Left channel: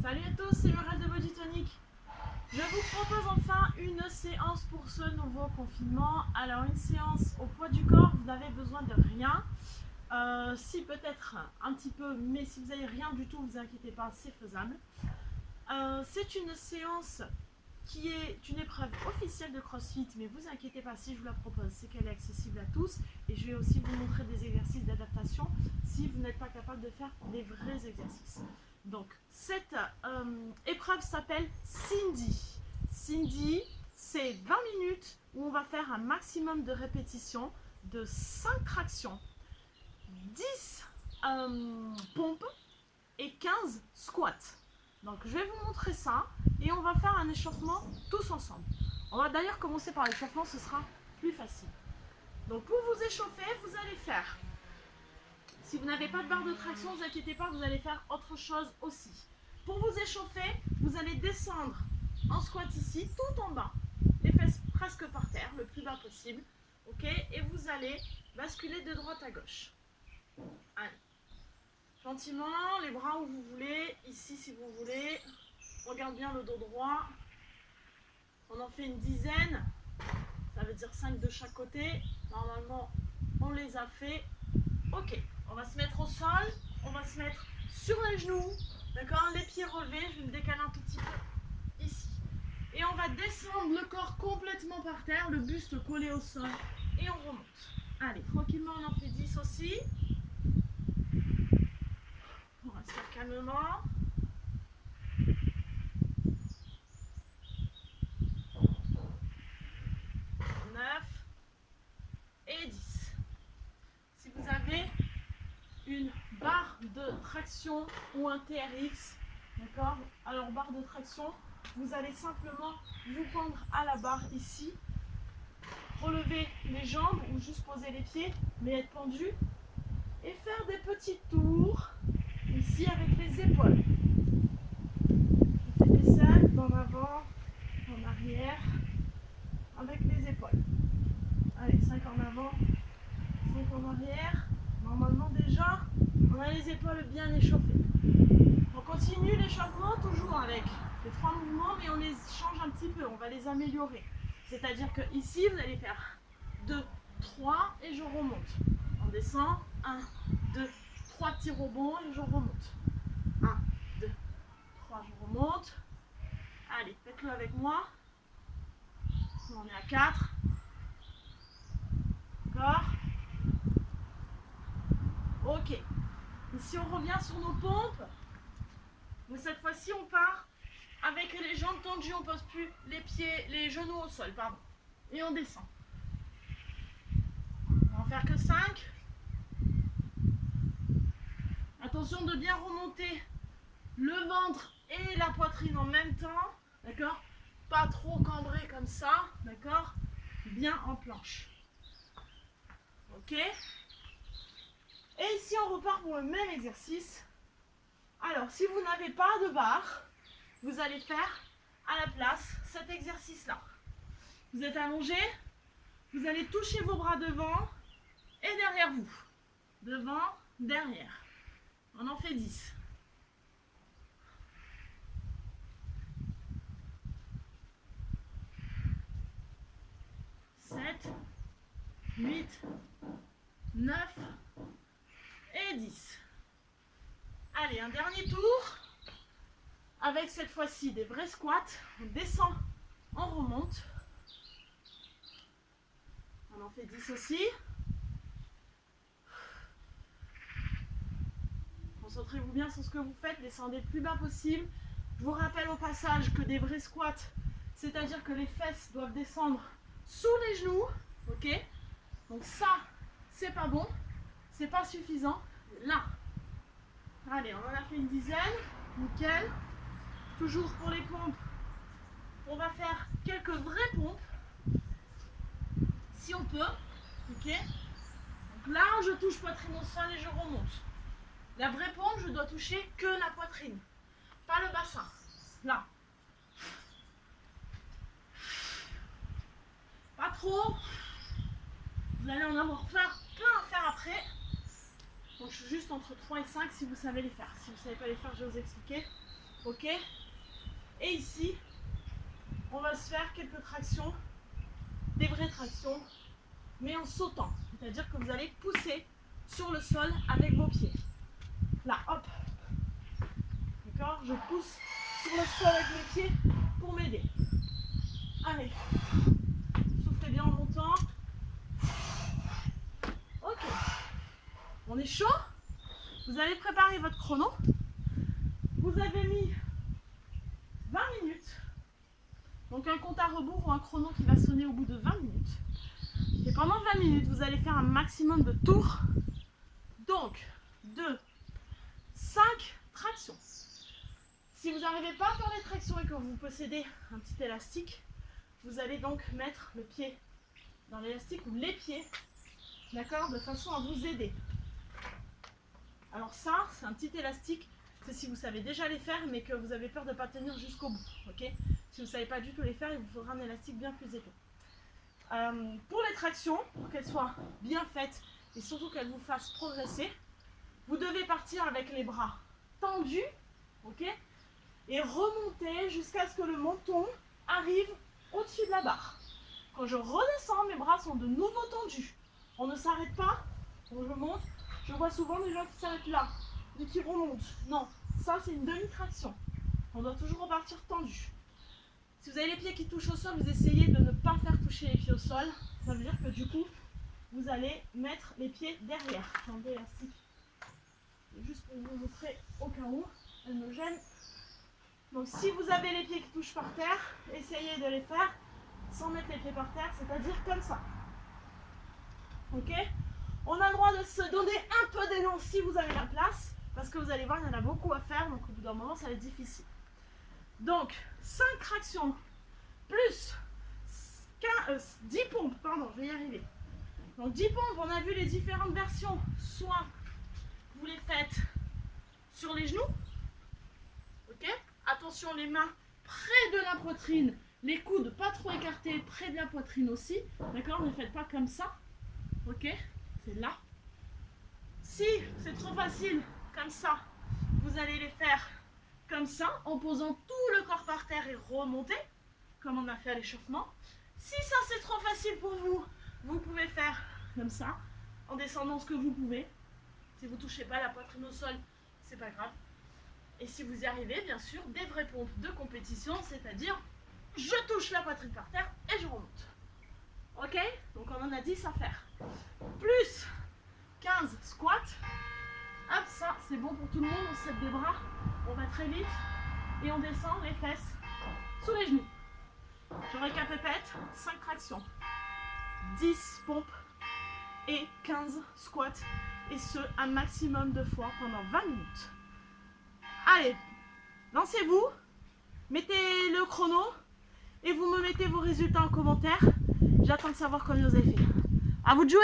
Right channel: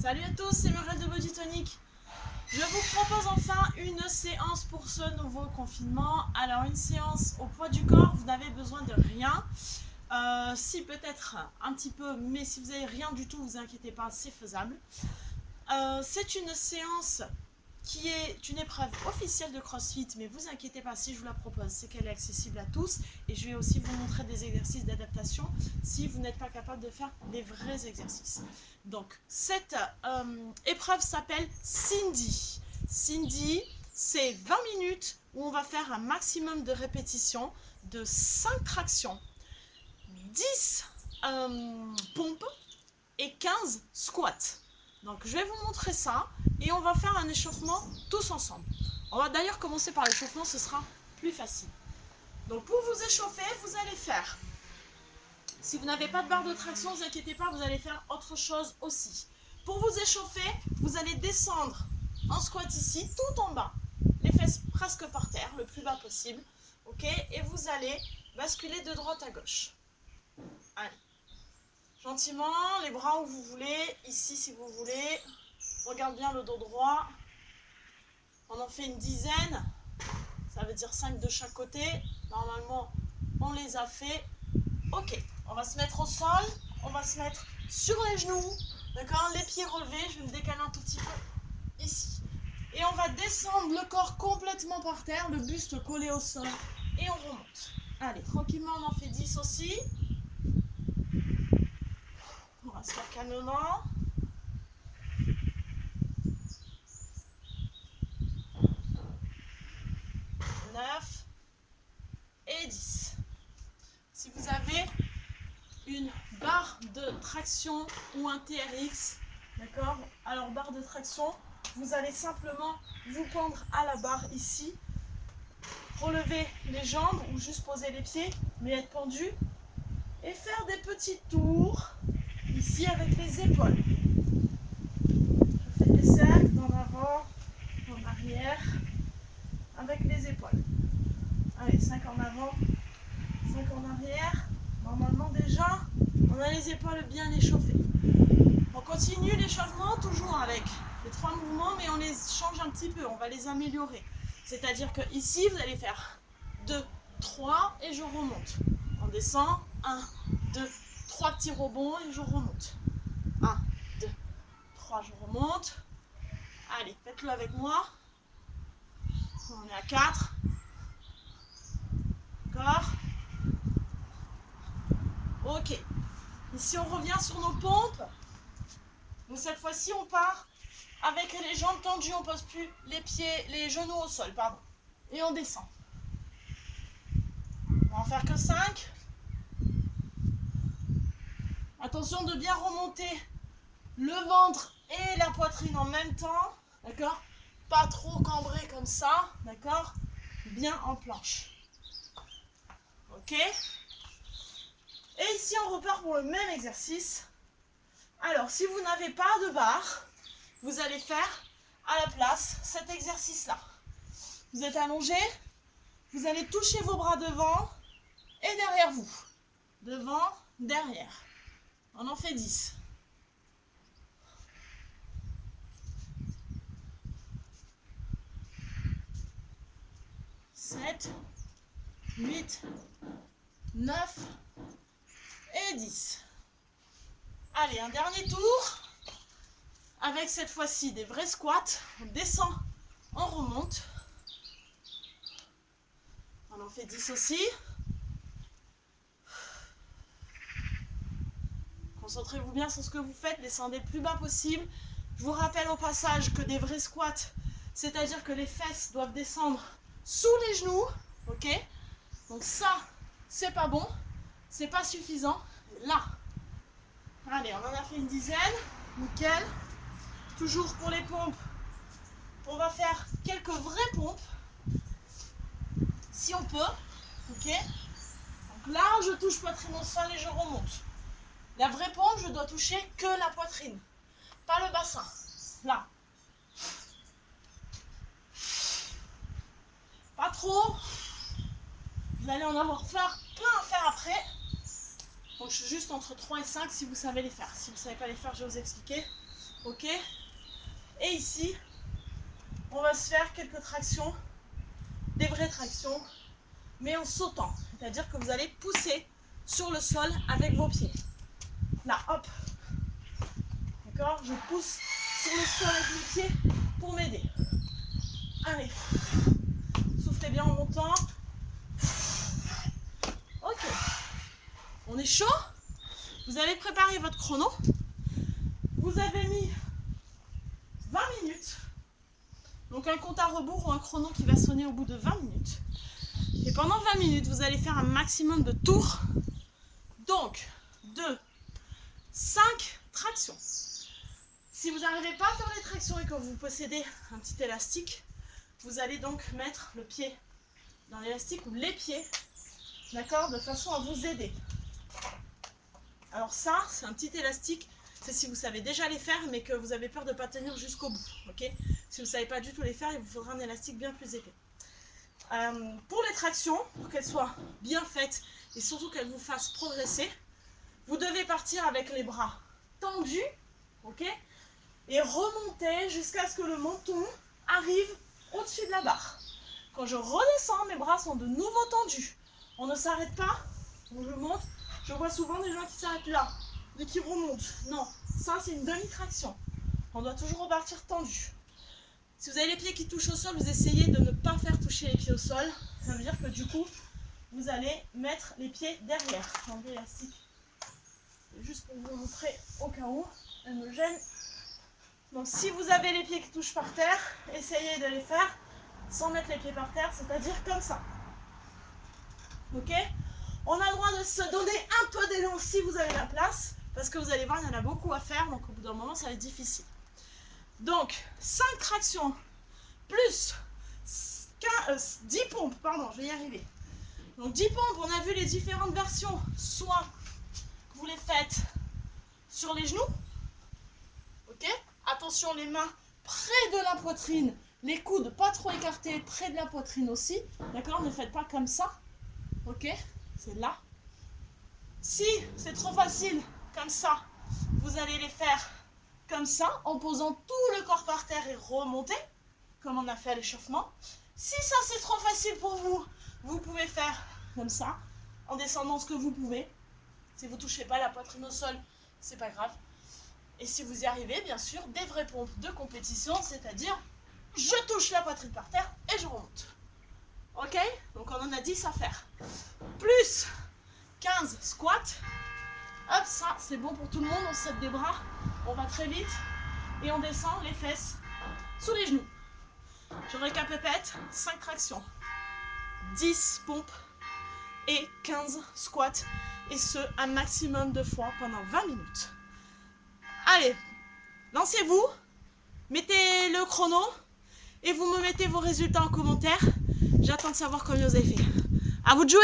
Salut à tous, c'est Muriel de Body Tonic. Je vous propose enfin une séance pour ce nouveau confinement. Alors une séance au poids du corps, vous n'avez besoin de rien. Si peut-être un petit peu, mais si vous n'avez rien du tout, vous inquiétez pas, c'est faisable. C'est une séance qui est une épreuve officielle de CrossFit, mais vous inquiétez pas si je vous la propose, c'est qu'elle est accessible à tous et je vais aussi vous montrer des exercices d'adaptation si vous n'êtes pas capable de faire des vrais exercices. Donc cette épreuve s'appelle Cindy. Cindy, c'est 20 minutes où on va faire un maximum de répétitions de 5 tractions, 10 pompes et 15 squats. Donc je vais vous montrer ça et on va faire un échauffement tous ensemble. On va d'ailleurs commencer par l'échauffement, ce sera plus facile. Donc pour vous échauffer, vous allez faire, si vous n'avez pas de barre de traction, ne vous inquiétez pas, vous allez faire autre chose aussi. Pour vous échauffer, vous allez descendre en squat ici, tout en bas, les fesses presque par terre, le plus bas possible, ok, et vous allez basculer de droite à gauche. Allez. Gentiment, les bras où vous voulez, ici si vous voulez. Regarde bien le dos droit. On en fait une dizaine. Ça veut dire 5 de chaque côté. Normalement, on les a fait. Ok, on va se mettre au sol. On va se mettre sur les genoux. D'accord, les pieds relevés. Je vais me décaler un tout petit peu ici. Et on va descendre le corps complètement par terre, le buste collé au sol. Et on remonte. Allez, tranquillement, on en fait 10 aussi. On va se faire calmement. 9 et 10. Si vous avez une barre de traction ou un TRX, d'accord, alors barre de traction, vous allez simplement vous pendre à la barre ici, relever les jambes ou juste poser les pieds, mais être pendu et faire des petits tours ici avec les épaules. Je fais des cercles dans l'avant, en arrière, avec les épaules. Allez, 5 en avant, 5 en arrière. Normalement déjà, on a les épaules bien échauffées. On continue l'échauffement toujours avec les 3 mouvements, mais on les change un petit peu, on va les améliorer. C'est-à-dire que ici, vous allez faire 2, 3 et je remonte. On descend, 1, 2, 3 petits rebonds et je remonte. 1, 2, 3, je remonte. Allez, faites-le avec moi. On est à 4. D'accord ? Ok. Ici, on revient sur nos pompes. Mais cette fois-ci, on part avec les jambes tendues. On ne pose plus les pieds, les genoux au sol, pardon. Et on descend. On va en faire que 5. Attention de bien remonter le ventre et la poitrine en même temps. D'accord ? Pas trop cambré comme ça. D'accord ? Bien en planche. Ok ? Et ici, on repart pour le même exercice. Alors, si vous n'avez pas de barre, vous allez faire à la place cet exercice-là. Vous êtes allongé, vous allez toucher vos bras devant et derrière vous. Devant, derrière. On en fait 10. 7, 8, 9 et 10. Allez, un dernier tour. Avec cette fois-ci des vrais squats. On descend, on remonte. On en fait 10 aussi. Concentrez-vous bien sur ce que vous faites. Descendez le plus bas possible. Je vous rappelle au passage que des vrais squats, c'est-à-dire que les fesses doivent descendre sous les genoux. Ok ? Donc ça, c'est pas bon. C'est pas suffisant. Là. Allez, on en a fait une dizaine. Nickel. Toujours pour les pompes, on va faire quelques vraies pompes. Si on peut. Ok ? Donc là, je touche poitrine au sol et je remonte. La vraie pompe, je dois toucher que la poitrine. Pas le bassin. Là. Pas trop. Vous allez en avoir plein à faire après. Donc je suis juste entre 3 et 5 si vous savez les faire. Si vous ne savez pas les faire, je vais vous expliquer. Ok? Et ici, on va se faire quelques tractions, des vraies tractions, mais en sautant. C'est-à-dire que vous allez pousser sur le sol avec vos pieds. Là, hop. D'accord? Je pousse sur le sol avec mes pieds pour m'aider. Allez. Soufflez bien en montant. Ok. On est chaud? Vous avez préparé votre chrono. Vous avez mis 20 minutes. Donc un compte à rebours ou un chrono qui va sonner au bout de 20 minutes. Et pendant 20 minutes, vous allez faire un maximum de tours. Donc, 2, 5 tractions. Si vous n'arrivez pas à faire les tractions et que vous possédez un petit élastique, vous allez donc mettre le pied dans l'élastique ou les pieds, d'accord, de façon à vous aider. Alors ça, c'est un petit élastique, c'est si vous savez déjà les faire mais que vous avez peur de ne pas tenir jusqu'au bout, ok? Si vous ne savez pas du tout les faire, il vous faudra un élastique bien plus épais. Pour les tractions, pour qu'elles soient bien faites et surtout qu'elles vous fassent progresser, vous devez partir avec les bras tendus, ok? Et remonter jusqu'à ce que le menton arrive au-dessus de la barre. Quand je redescends, mes bras sont de nouveau tendus. On ne s'arrête pas, je monte. Je vois souvent des gens qui s'arrêtent là, et qui remontent. Non, ça c'est une demi-traction. On doit toujours repartir tendu. Si vous avez les pieds qui touchent au sol, vous essayez de ne pas faire toucher les pieds au sol. Ça veut dire que du coup, vous allez mettre les pieds derrière. J'enlève l'élastique. Juste pour vous montrer au cas où, elle me gêne. Donc si vous avez les pieds qui touchent par terre, essayez de les faire sans mettre les pieds par terre, c'est-à-dire comme ça. Ok? On a le droit de se donner un peu d'élan si vous avez la place, parce que vous allez voir, il y en a beaucoup à faire, donc au bout d'un moment, ça va être difficile. Donc, 5 tractions, plus 10 pompes, pardon, je vais y arriver. Donc 10 pompes, on a vu les différentes versions, soit vous les faites sur les genoux, ok? Attention, les mains près de la poitrine, les coudes pas trop écartés, près de la poitrine aussi, d'accord? Ne faites pas comme ça, ok? C'est là. Si c'est trop facile, comme ça, vous allez les faire comme ça, en posant tout le corps par terre et remonter, comme on a fait à l'échauffement. Si ça c'est trop facile pour vous, vous pouvez faire comme ça, en descendant ce que vous pouvez. Si vous ne touchez pas la poitrine au sol, c'est pas grave. Et si vous y arrivez, bien sûr, des vraies pompes de compétition, c'est-à-dire, je touche la poitrine par terre et je remonte. Ok? Donc on en a 10 à faire. Plus 15 squats. Hop, ça c'est bon pour tout le monde, on se set des bras, on va très vite et on descend les fesses sous les genoux. Je récapépète, 5 tractions, 10 pompes et 15 squats, et ce un maximum de fois pendant 20 minutes. Allez, lancez-vous, mettez le chrono et vous me mettez vos résultats en commentaire. J'attends de savoir combien vous avez fait. À vous de jouer!